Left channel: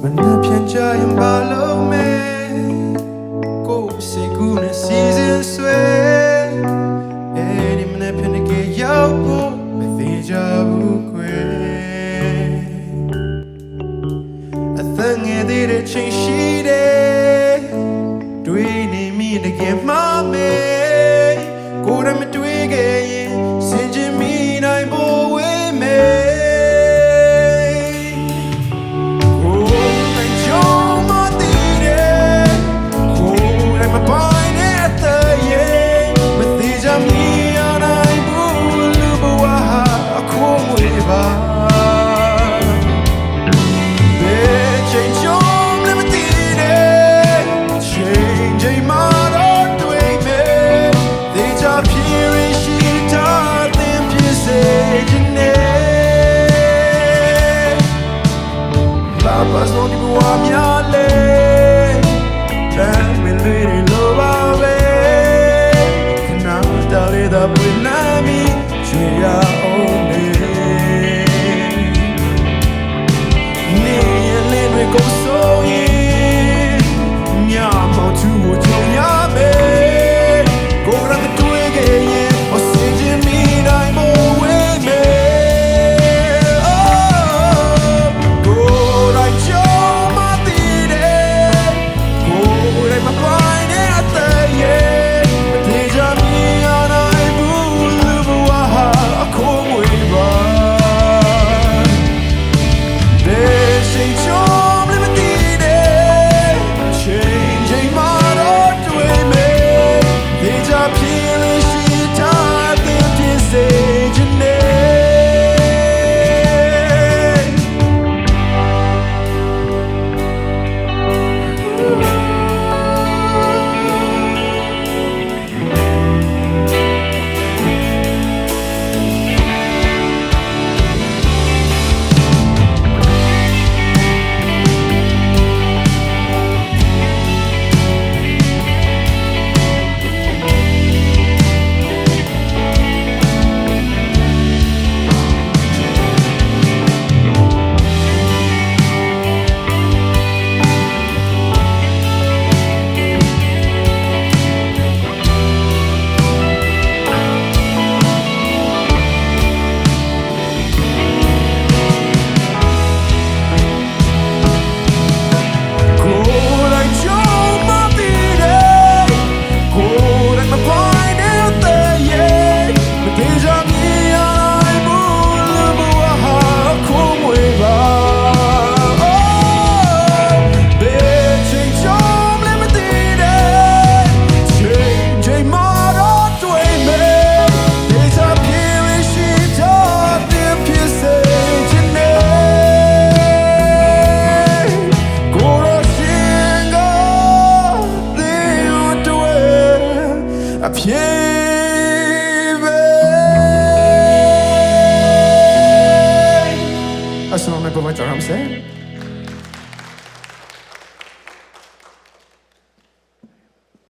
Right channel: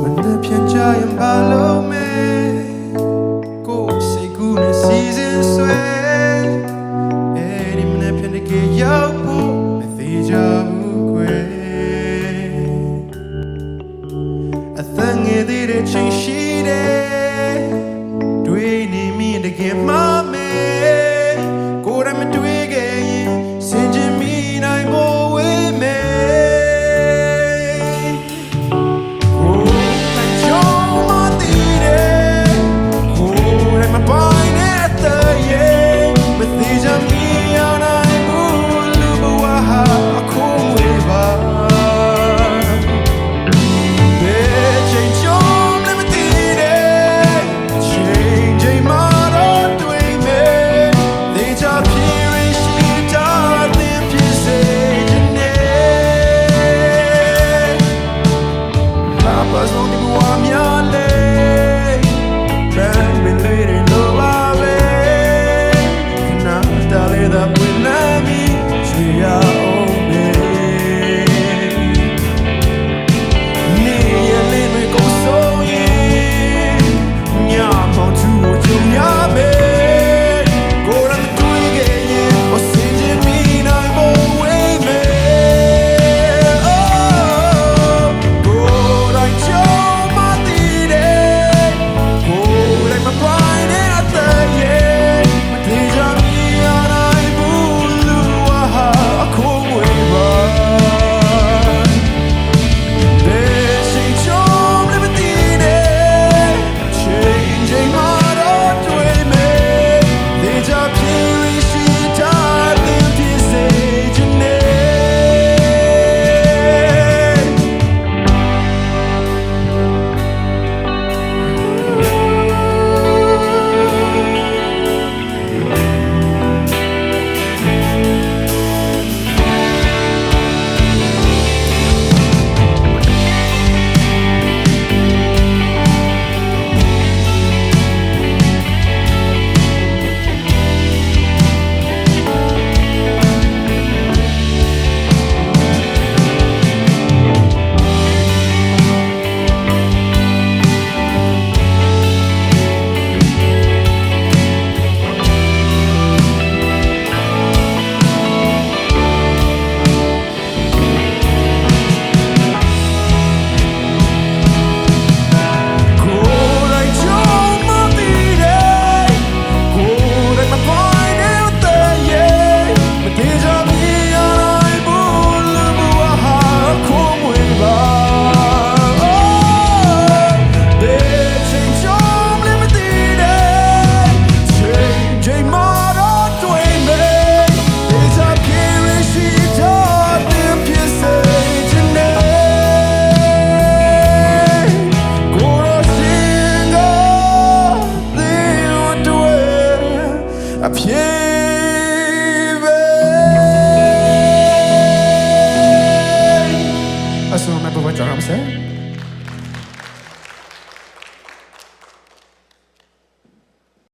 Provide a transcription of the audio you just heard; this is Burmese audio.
ပြန်ကြရင်ဘာလို့မဲကိုယ်စိတ်ကူးနဲ့စီစဉ်ဆွဲအဲ့ဒီမနေ့ပြန်တကယ်ရောက်ဖို့မသေးကြဘူးကွယ်အသက်ငယ်သေးတဲ့ချိန်ရှိတယ်တွေ့နေမိတကယ်မှမဲကိုယ်တိုင်မတွေ့ခဲ့ရင်စင်ချင်မိနိုင်ဖို့ မယ်သေချာဖြေရရှိတာသင်ဖြစ်စေခြင်းနဲ့ La passion di bua miale Ben ben lui di lo va be Kana dale da puila mi Chui ya o me Ni ye le nwe ko so yin Nya mo tu wo jong ya အပြေပဲအစလုံးနဲ့ဘဝကြောင့်မစဲ